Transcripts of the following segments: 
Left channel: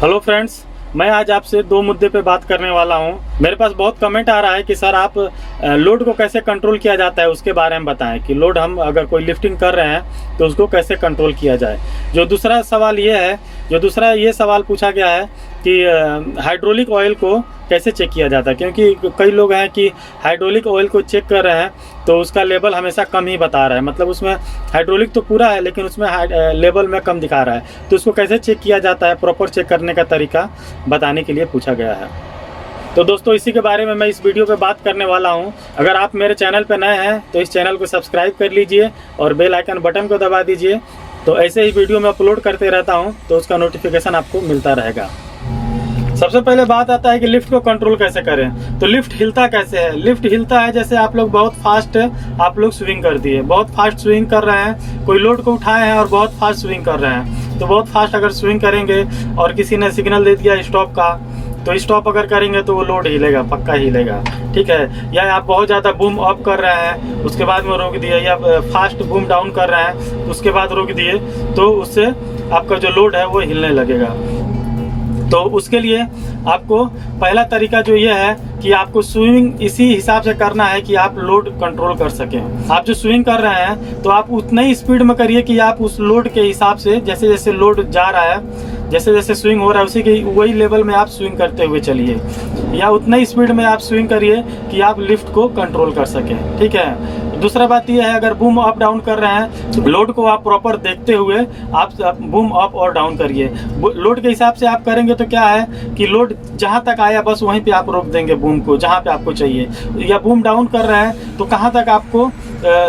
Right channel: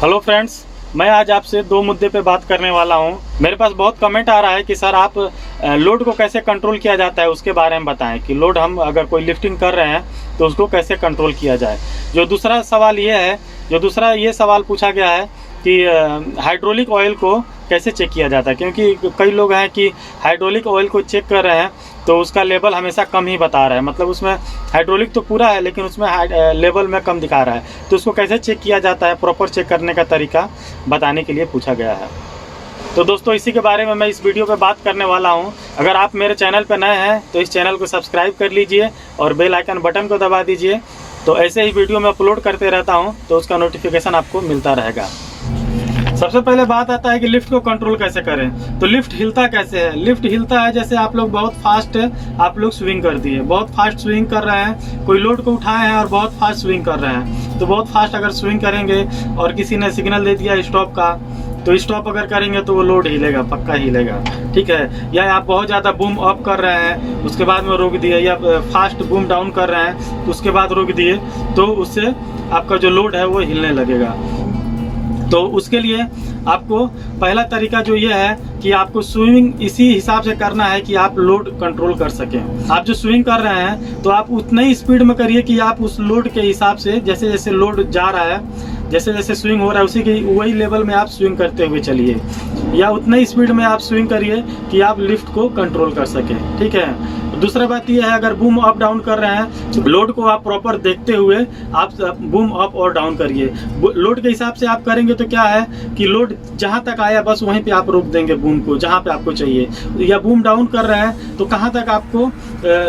Hello friends, मैं आज आपसे दो मुद्दे पे बात करने वाला हूं। मेरे पास बहुत कमेंट आ रहा है कि सर आप लोड को कैसे कंट्रोल किया जाता है उसके बारे में बताएं कि लोड हम अगर कोई लिफ्टिंग कर रहे हैं तो उसको कैसे कंट्रोल किया जाए। जो दूसरा सवाल पूछा गया है कि हाइड्रोलिक ऑयल को कैसे चेक किया जाता है, क्योंकि कई लोग हैं कि हाइड्रोलिक ऑयल को चेक कर रहे हैं तो उसका लेवल हमेशा कम ही बता रहा है, मतलब उसमें हाइड्रोलिक तो पूरा है लेकिन उसमें लेवल में कम दिखा रहा है। तो उसको कैसे चेक किया जाता है, प्रॉपर चेक करने का तरीका बताने के लिए पूछा गया है। तो दोस्तों, इसी के बारे में मैं इस वीडियो पे बात करने वाला हूं। अगर आप मेरे चैनल पे नए हैं तो इस चैनल को सब्सक्राइब कर लीजिए और बेल आइकन बटन को दबा दीजिए, तो ऐसे ही वीडियो मैं अपलोड करते रहता हूं तो उसका नोटिफिकेशन आपको मिलता रहेगा। सबसे पहले बात आता है कि लिफ्ट को कंट्रोल कैसे करें। तो लिफ्ट हिलता कैसे है? लिफ्ट हिलता है जैसे आप लोग बहुत फास्ट आप लोग स्विंग कर दिए, बहुत फास्ट स्विंग कर रहे हैं, कोई लोड को उठाए हैं और बहुत फास्ट स्विंग कर रहे हैं। तो बहुत फास्ट अगर स्विंग करेंगे और किसी ने सिग्नल दे दिया स्टॉप का, तो स्टॉप अगर करेंगे तो वो लोड हिलेगा, पक्का हिलेगा, ठीक है। या आप बहुत ज़्यादा बूम अप कर रहे हैं उसके बाद में रोक दिए, या फास्ट बूम डाउन कर रहे हैं तो उसके बाद रोक दिए, तो उससे आपका जो लोड है वो हिलने लगेगा। तो उसके लिए आपको पहला तरीका जो ये है कि आपको स्विंग इसी हिसाब से करना है कि आप लोड कंट्रोल कर सकें। आप जो स्विंग कर रहे हैं तो आप उतना ही स्पीड में करिए कि आप उस लोड के हिसाब से, जैसे जैसे लोड जा रहा है, जैसे जैसे स्विंग हो रहा है उसी के वही लेवल में आप स्विंग करते हुए चलिए, या उतना ही स्पीड में आप स्विंग करिए कि आप लिफ्ट को कंट्रोल कर सकें, ठीक है। दूसरा बात यह है, अगर बूम अप डाउन कर रहे हैं तो लोड को आप प्रॉपर देखते हुए आप बूम अप और डाउन करिए। लोड के हिसाब से आप करेंगे तो क्या है कि लोड जहां तक आया बस वहीं पे आप रोक देंगे बूम को, जहां पे आपको चाहिए। या बूम डाउन कर रहे हैं तो कहां तक आपको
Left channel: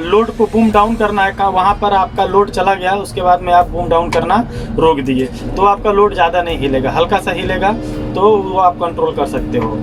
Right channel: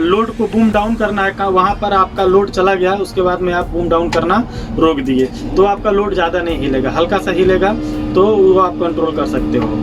लोड को बूम डाउन करना है, वहां पर आपका लोड चला गया उसके बाद में आप बूम डाउन करना रोक दिए, तो आपका लोड ज़्यादा नहीं हिलेगा, हल्का सा हिलेगा, तो वो आप कंट्रोल कर सकते हो।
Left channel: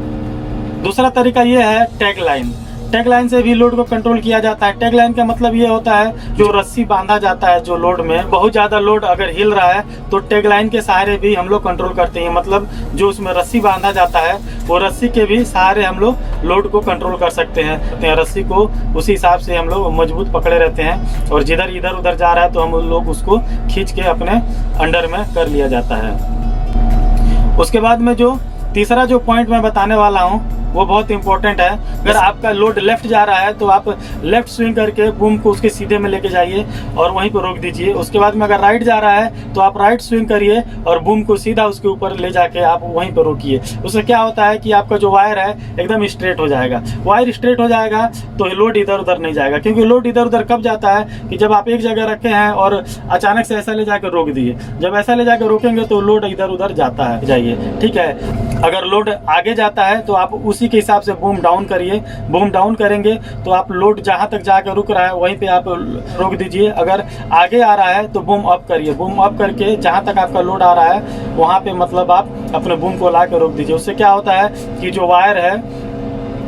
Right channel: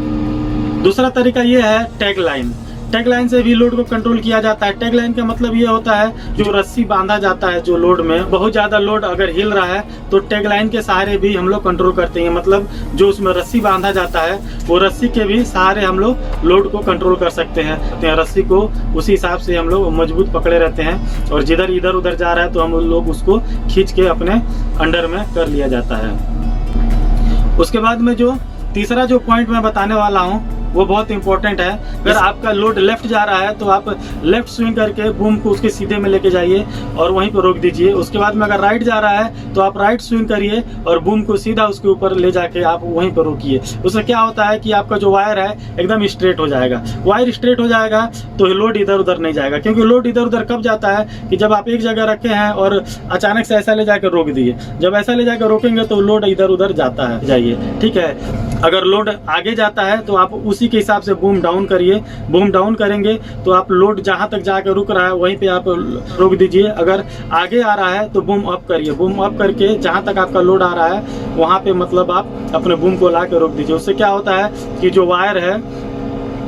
दूसरा तरीका ये है टैग लाइन। टैग लाइन से भी लोड को कंट्रोल किया जाता है। टैग लाइन का मतलब ये होता है जो रस्सी बांधा जाता है, जो लोड में बहुत ज्यादा लोड अगर हिल रहा है तो टैग लाइन के सहारे भी हम लोग कंट्रोल करते हैं। मतलब जो उसमें रस्सी बांधा जाता है वो रस्सी के भी सहारे हम लोग लोड को कंट्रोल कर सकते हैं। रस्सी को उसी हिसाब से हम लोग मजबूत पकड़े रहते हैं और जिधर इधर उधर जा रहा है तो हम लोग उसको खींच के अपने अंडर में कर लिया जाता है। उसके बाद में जो तीसरा जो पॉइंट मैं बताने वाला हूँ वो बहुत इंपॉर्टेंट है। अगर आपका लोड लेफ्ट जा रहा है तो आप लेफ्ट स्विंग करके बूम को उसके सीधे में लेके जाइए और वहीं पर रोक दीजिए। उसके बाद में अगर राइट जा रहा है तो आप राइट स्विंग करिए और बूम को सीधा उसके ऊपर ले जाके आप वहीं पर रोकिए। उससे क्या होता है कि आपका जो वायर है एकदम स्ट्रेट हो जाएगा। वायर स्ट्रेट हो जाएगा तो लोड इधर उधर नहीं जाएगा, क्योंकि लोड इधर उधर कब जाता है कि जब आप एक जगह रखे हैं और अचानक से ऐसा ले जाकर रोक दिए। जब ऐसा ले जाकर रोकेंगे तो लोड इधर उधर जाता है, जाइए, ठीक है। अगर लोड आगे जाता है तो आप उसी के हिसाब से बूम डाउन करिए। बूम डाउन करेंगे तो आप लोड जहां तक जाकर रुक रहा है वहीं पे आप रोक दीजिए। अगर आगे आ रहा है तो बूम अप करिए। बूम अप करके जहां तक आपका लोड आ रहा है वहां पे मतलब आप अपने बूम को ला के रोक दीजिए। उससे क्या होता है कि जो वायर है,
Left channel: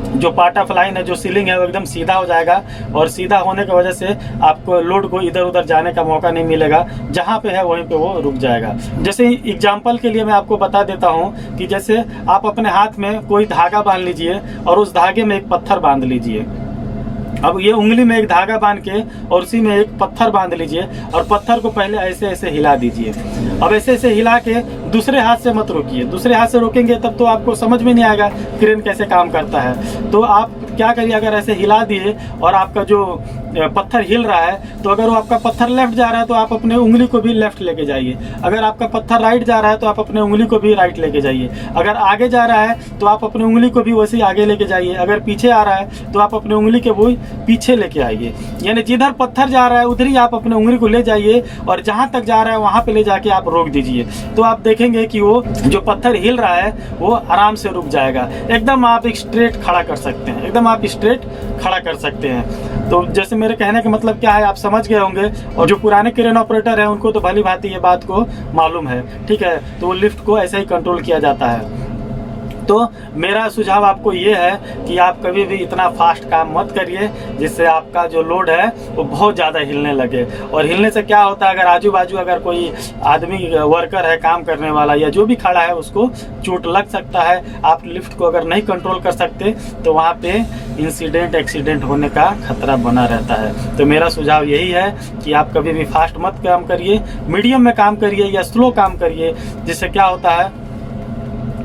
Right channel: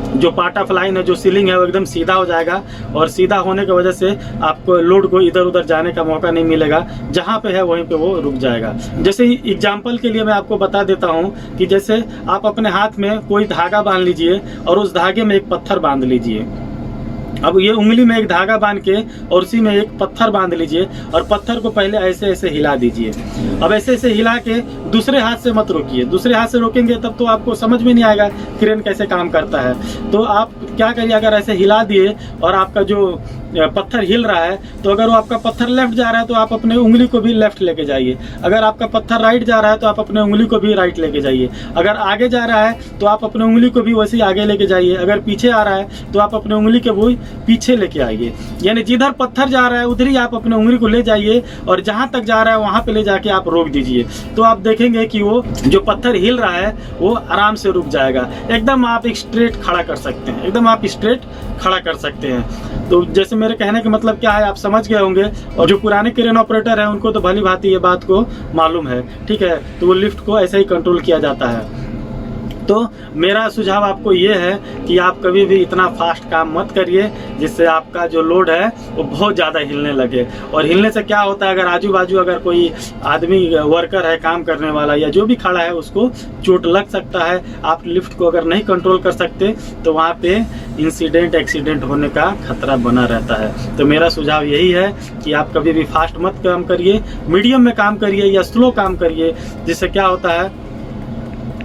जो पार्ट ऑफ लाइन है, जो सीलिंग है, वो एकदम सीधा हो जाएगा और सीधा होने की वजह से आपको लोड को इधर उधर जाने का मौका नहीं मिलेगा। जहां पे है वहीं पे वो रुक जाएगा। जैसे एग्जांपल के लिए मैं आपको बता देता हूं कि जैसे आप अपने हाथ में कोई धागा बांध लीजिए और उस धागे में एक पत्थर बांध लीजिए। अब ये उंगली में एक धागा बांध के और उसी में एक पत्थर बांध लीजिए और पत्थर को पहले ऐसे ऐसे हिला दीजिए। अब ऐसे ऐसे हिला के दूसरे हाथ से मत रोकिए। दूसरे हाथ से रोकेंगे तब तो आपको समझ में नहीं आएगा क्रेन कैसे काम करता है। तो आप क्या करिए, अगर ऐसे हिला दिए और आपका जो पत्थर हिल रहा है तो अगर वो आपका पत्थर लेफ्ट जा रहा है तो आप अपने उंगली को भी लेफ्ट लेके जाइए। अगर आपका पत्थर राइट जा रहा है तो आप अपने उंगली को भी राइट लेके जाइए। अगर आगे जा रहा है तो आप अपने उंगली को भी वैसे ही आगे लेके जाइए। अगर पीछे आ रहा है तो आप अपने उंगली के वो पीछे लेके आइए। यानी जिधर पत्थर जा रहा है उधर ही आप अपने उंगली को ले जाइए और जहां तक जा रहा है वहां पे ले जाके आप रोक दीजिए। तो आप देखेंगे कि वो जो पत्थर हिल रहा है वो आराम से रुक जाएगा। एकदम आप स्ट्रेट खड़ा कर सकते हैं, एकदम आप स्ट्रेट खड़ा कर सकते हैं। तो जैसे मेरे कहने का मतलब क्या है आप समझ गए होंगे, और जो पुराने क्रेन ऑपरेटर है उनको तो भली भांति ये बात को मालूम है, ठीक है। तो वो लिफ्ट को ऐसे ही कंट्रोल किया जाता है। तो मेरा सुझाव आपको ये है कि आप कभी भी इतना फास्ट काम मत करिए जिससे आपका जो लोड है वो बहुत ज़्यादा हिलने लगे। और हिलने से क्या होता है, अगर आजू बाजू अगर कोई आदमी वर्कर है काम करने वाला या जो भी खड़ा है उसको चोट लग सकता है। आप लिफ्ट को अगर नहीं कंट्रोल कर सकते तो वहाँ पे इंसिडेंट एक्सीडेंट होने का खतरा बना रहता है। तो मेरा सुझाव यही है कि आप कभी भी फास्ट मत काम करिए, मीडियम में काम करिए या स्लो काम करिए, जिससे क्या होता है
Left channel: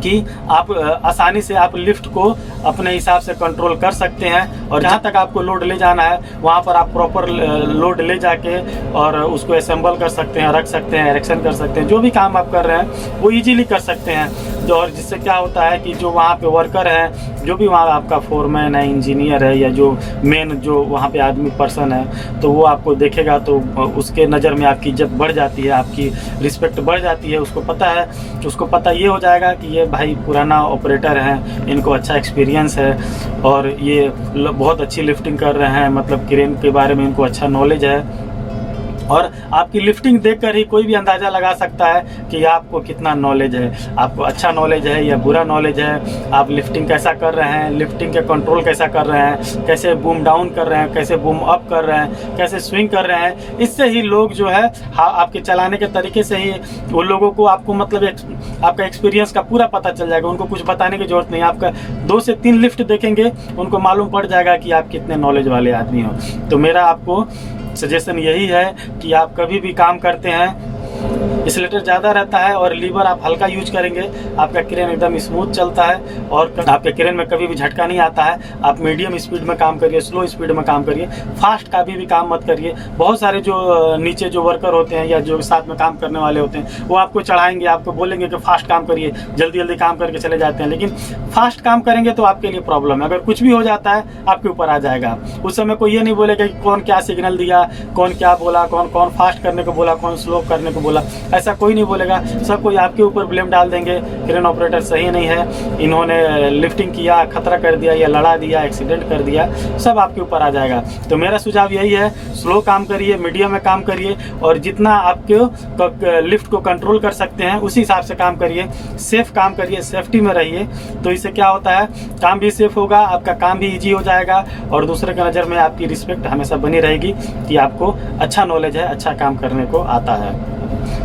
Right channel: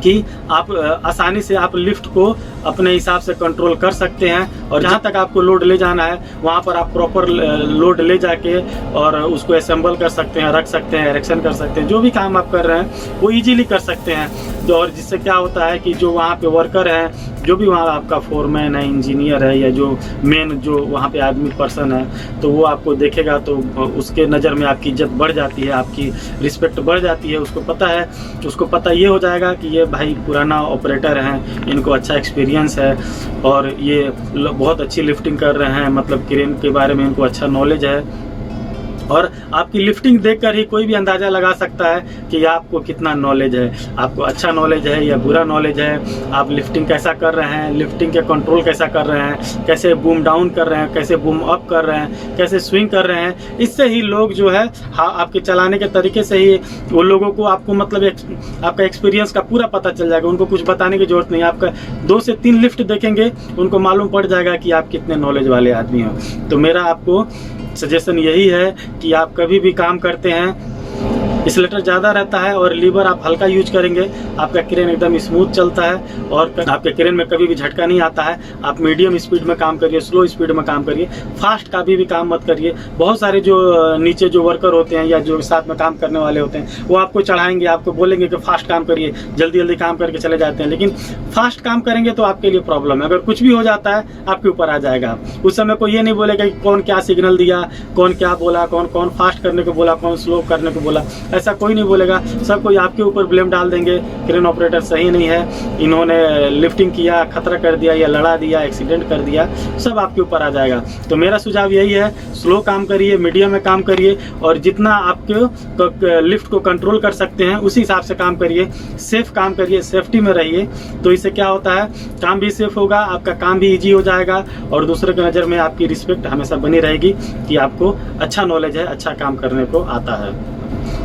कि आप आसानी से आप लिफ्ट को अपने हिसाब से कंट्रोल कर सकते हैं, और जहाँ तक आपको लोड ले जाना है वहाँ पर आप प्रॉपर लोड ले जाके और उसको असेंबल कर सकते हैं, रख सकते हैं, एरेक्शन कर सकते हैं। जो भी काम आप कर रहे हैं वो इजीली कर सकते हैं। और जिससे क्या होता है कि जो वहाँ पे वर्कर हैं, जो भी वहाँ आपका फोरमैन है, इंजीनियर है, या जो मेन जो वहाँ पे आदमी पर्सन है, तो वो आपको देखेगा तो उसके नज़र में आपकी इज्जत बढ़ जाती है, आपकी रिस्पेक्ट बढ़ जाती है। उसको पता ये हो जाएगा कि ये भाई पुराना ऑपरेटर हैं, इनको अच्छा एक्सपीरियंस है और ये बहुत अच्छी लिफ्टिंग कर रहे हैं, मतलब क्रेन के बारे में इनको अच्छा नॉलेज है। और आपकी लिफ्टिंग देखकर ही कोई भी अंदाज़ा लगा सकता है कि आपको कितना नॉलेज है, आपको अच्छा नॉलेज है या बुरा नॉलेज है, आप लिफ्टिंग कैसा कर रहे हैं, लिफ्टिंग के कंट्रोल कैसा कर रहे हैं, कैसे बूम डाउन कर रहे हैं, कैसे बूम अप कर रहे हैं, कैसे स्विंग कर रहे हैं। इससे ही लोग जो है आपके चलाने के तरीके से ही वो लोगों को आपको मतलब आपका एक्सपीरियंस का पूरा पता चल जाएगा। उनको कुछ बताने की जरूरत नहीं, आपका 2 से 3 लिफ्ट देखेंगे उनको मालूम पड़ जाएगा कि आप कितने नॉलेज वाले आदमी हो। तो मेरा आपको सजेशन यही है कि आप कभी भी काम करते हैं, एक्सीलरेटर ज़्यादा रहता है और लीवर आप हल्का यूज करेंगे, आपका क्रेन एकदम स्मूथ चलता है और आपके क्रेन में कभी भी झटका नहीं आता है। आप मीडियम स्पीड में काम करिए, स्लो स्पीड में काम करिए, फास्ट कभी भी काम मत करिए। बहुत सारे जो नीचे जो वर्कर होते हैं या जो साथ में काम करने वाले होते हैं वो आपको चढ़ाएंगे, आपको बोलेंगे कि फास्ट काम करिए, जल्दी जल्दी काम करके चले जाते हैं, लेकिन फास्ट काम करेंगे तो आपके लिए प्रॉब्लम है। अगर कुछ भी हो जाता है आपके ऊपर आ जाएगा। उस समय कोई ये नहीं बोलेगा कि कौन क्या सिग्नल दिया, कौन क्या बोला, कौन फास्ट करने को बोला, कौन स्लो करने को बोला, ऐसा कोई नहीं बोलेगा। सब कोई आपके ऊपर ब्लेम डाल देंगे, क्रेन ऑपरेटर सही नहीं है, इन्होंने लिफ्टिंग किया, खतरा कर दिया या लड़ा दिया, एक्सीडेंट कर दिया, सब आपके ऊपर आ जाएगा। तो मेरा सुझाव यही है, स्लो काम करिए, मीडियम में काम करिए और जितना आपके लिफ्ट को कंट्रोल कर सकते हैं उसी हिसाब से काम करिए, सेफ काम करिए, सेफ्टी में रहिए। तो इससे क्या होता है, काम भी सेफ होगा, आपका काम भी ईजी हो जाएगा और दूसरे के नज़र में आपकी रिस्पेक्ट हमेशा बनी रहेगी कि आपको अच्छा नॉलेज है, अच्छा काम करने को आता है।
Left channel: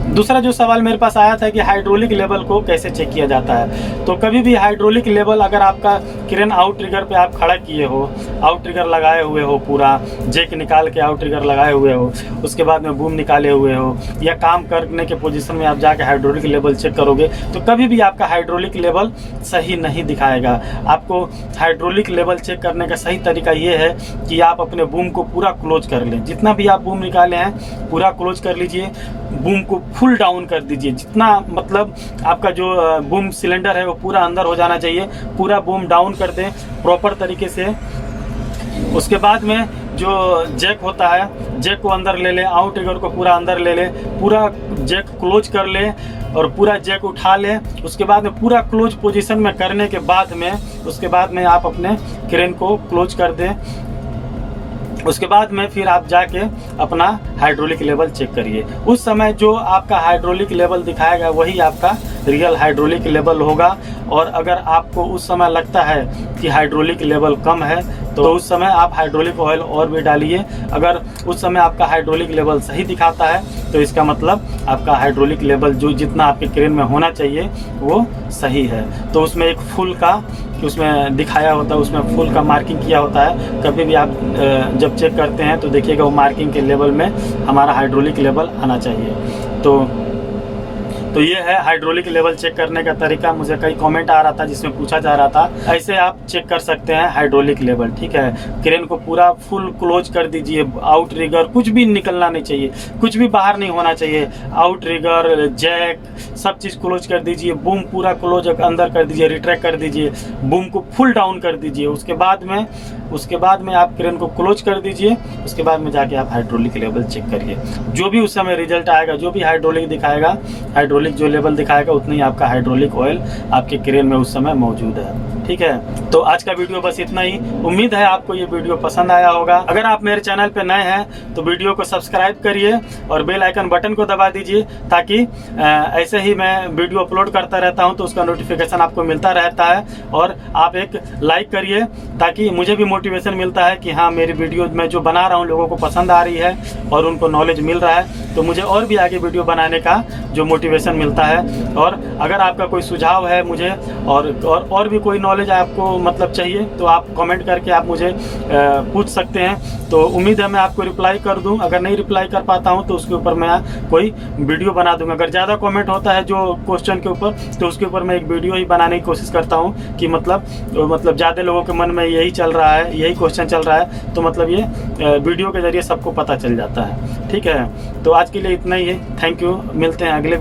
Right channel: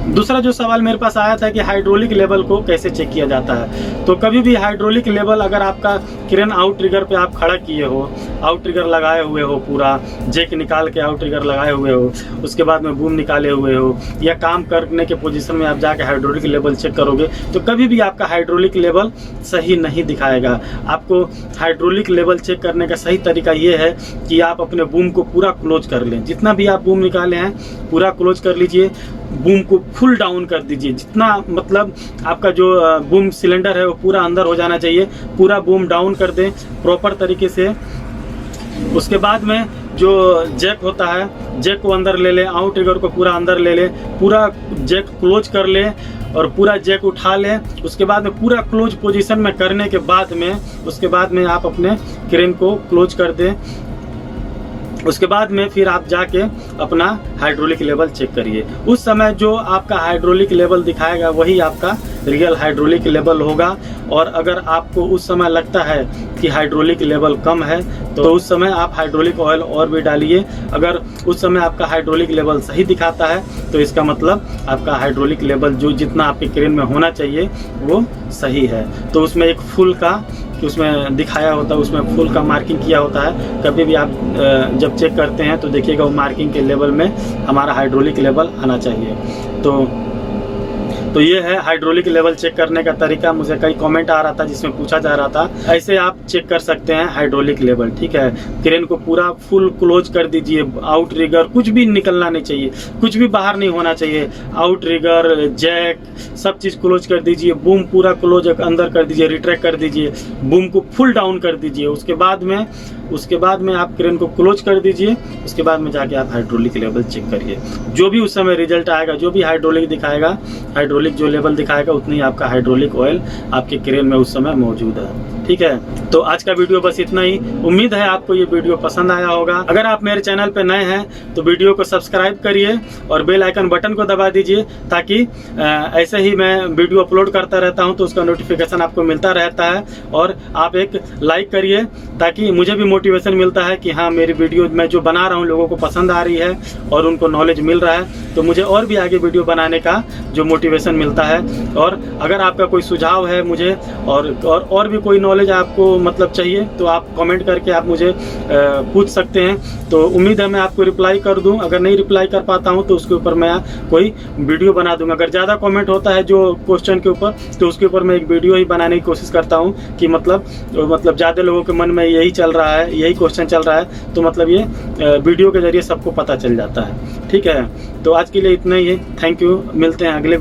दूसरा जो सवाल मेरे पास आया था कि हाइड्रोलिक लेवल को कैसे चेक किया जाता है। तो कभी भी हाइड्रोलिक लेवल अगर आपका क्रेन आउट ट्रिगर पे आप खड़ा किए हो, आउट ट्रिगर लगाए हुए हो, पूरा जेक निकाल के आउट ट्रिगर लगाए हुए हो, उसके बाद में बूम निकाले हुए हो या काम करने के पोजीशन में आप जाके हाइड्रोलिक लेवल चेक करोगे तो कभी भी आपका हाइड्रोलिक लेवल सही नहीं दिखाएगा। आपको हाइड्रोलिक लेवल चेक करने का सही तरीका ये है कि आप अपने बूम को पूरा क्लोज कर लें। जितना भी आप बूम निकाले हैं पूरा क्लोज कर लीजिए, बूम को फुल डाउन कर दीजिए, जितना मतलब आपका जो बूम सिलेंडर है वो पूरा अंदर हो जाना चाहिए, पूरा बूम डाउन कर दें प्रॉपर तरीके से। उसके बाद में जो जैक होता है, जैक को अंदर ले लें, आउट ट्रिगर को पूरा अंदर ले लें, पूरा जैक क्लोज कर लें और पूरा जैक उठा लें। उसके बाद में पूरा क्लोज पोजीशन में करने के बाद में उसके बाद में आप अपने क्रेन को क्लोज कर दें। उसके बाद में फिर आप जाके अपना हाइड्रोलिक लेवल चेक करिए। उस समय जो आपका हाइड्रोलिक लेवल दिखाएगा वही आपका रियल हाइड्रोलिक लेवल होगा। और अगर आपको उस समय लगता है कि हाइड्रोलिक लेवल कम है तो उस समय आप हाइड्रोलिक ऑयल और भी डालिए। अगर उस समय आपका हाइड्रोलिक लेवल सही दिखाता है तो इसका मतलब आपका हाइड्रोलिक लेवल जो जितना आपके क्रेन में होना चाहिए वो सही है। तो उसमें एक फुल का उसमें दिखाया होता है, उसमें फुल का मार्किंग किया होता है। कभी भी आप जब चेक करते हैं तो देखिएगा वो मार्किंग के लेवल में हमारा हाइड्रोलिक लेवल आना चाहिए। तो ये है हाइड्रोलिक लेवल चेक करने का तरीका। मुझे कई कमेंट आ रहा था जिसमें पूछा जा रहा था, ऐसे आप चेक कर सकते हैं हाइड्रोलिक लेवल। ठीक है, क्रेन को पूरा फुल क्लोज कर दीजिए, आउट ट्रिगर कुछ भी निकलना नहीं चाहिए, कुछ भी बाहर नहीं होना चाहिए। आउट ट्रिगर, जैक सब चीज़ क्लोज कर दीजिए, बूम पूरा क्लोज अंदर कर दीजिए, रिट्रैक्ट कर दीजिए, बूम को फुल डाउन कर दीजिए। उसके बाद में आप क्रेन को क्लोज कर दीजिए। उसके बाद में जाके आप हाइड्रोलिक लेवल चेक करिए। जो भी उस समय रिजल्ट आएगा, जो भी हाइड्रोलिक दिखाएगा, हाइड्रोलिक जो लेवल दिखाएगा उतना ही आपका हाइड्रोलिक ऑयल आपके क्रेन में उस समय मौजूद है। ठीक है, तो आज का वीडियो बस इतना ही। उम्मीद है आपको ये वीडियो पसंद आया होगा। अगर आप मेरे चैनल पे नए हैं तो वीडियो को सब्सक्राइब करिए और बेल आइकन बटन को दबा दीजिए ताकि ऐसे ही मैं वीडियो अपलोड करता रहता हूं तो उसका नोटिफिकेशन आपको मिलता रहता है। और आप एक लाइक करिए ताकि मुझे भी मोटिवेशन मिलता है कि हाँ, मेरी वीडियो मैं जो बना रहा हूँ लोगों को पसंद आ रही है और उनको नॉलेज मिल रहा है, तो मुझे और भी आगे वीडियो बनाने का जो मोटिवेशन मिलता है। और अगर आपका कोई सुझाव है मुझे और भी कोई नॉलेज नॉलेज आपको मतलब चाहिए तो आप कमेंट करके आप मुझे पूछ सकते हैं। तो उम्मीद है मैं आपको रिप्लाई कर दूं। अगर नहीं रिप्लाई कर पाता हूं तो उसके ऊपर मैं कोई वीडियो बना दूंगा। अगर ज़्यादा कमेंट होता है जो क्वेश्चन के ऊपर तो उसके ऊपर मैं एक वीडियो ही बनाने की कोशिश करता हूं कि मतलब ज़्यादा लोगों के मन में यही चल रहा है, यही क्वेश्चन चल रहा है, तो मतलब ये वीडियो के जरिए सबको पता चल जाता है। ठीक है, तो आज के लिए इतना ही है। थैंक यू, मिलते हैं अगले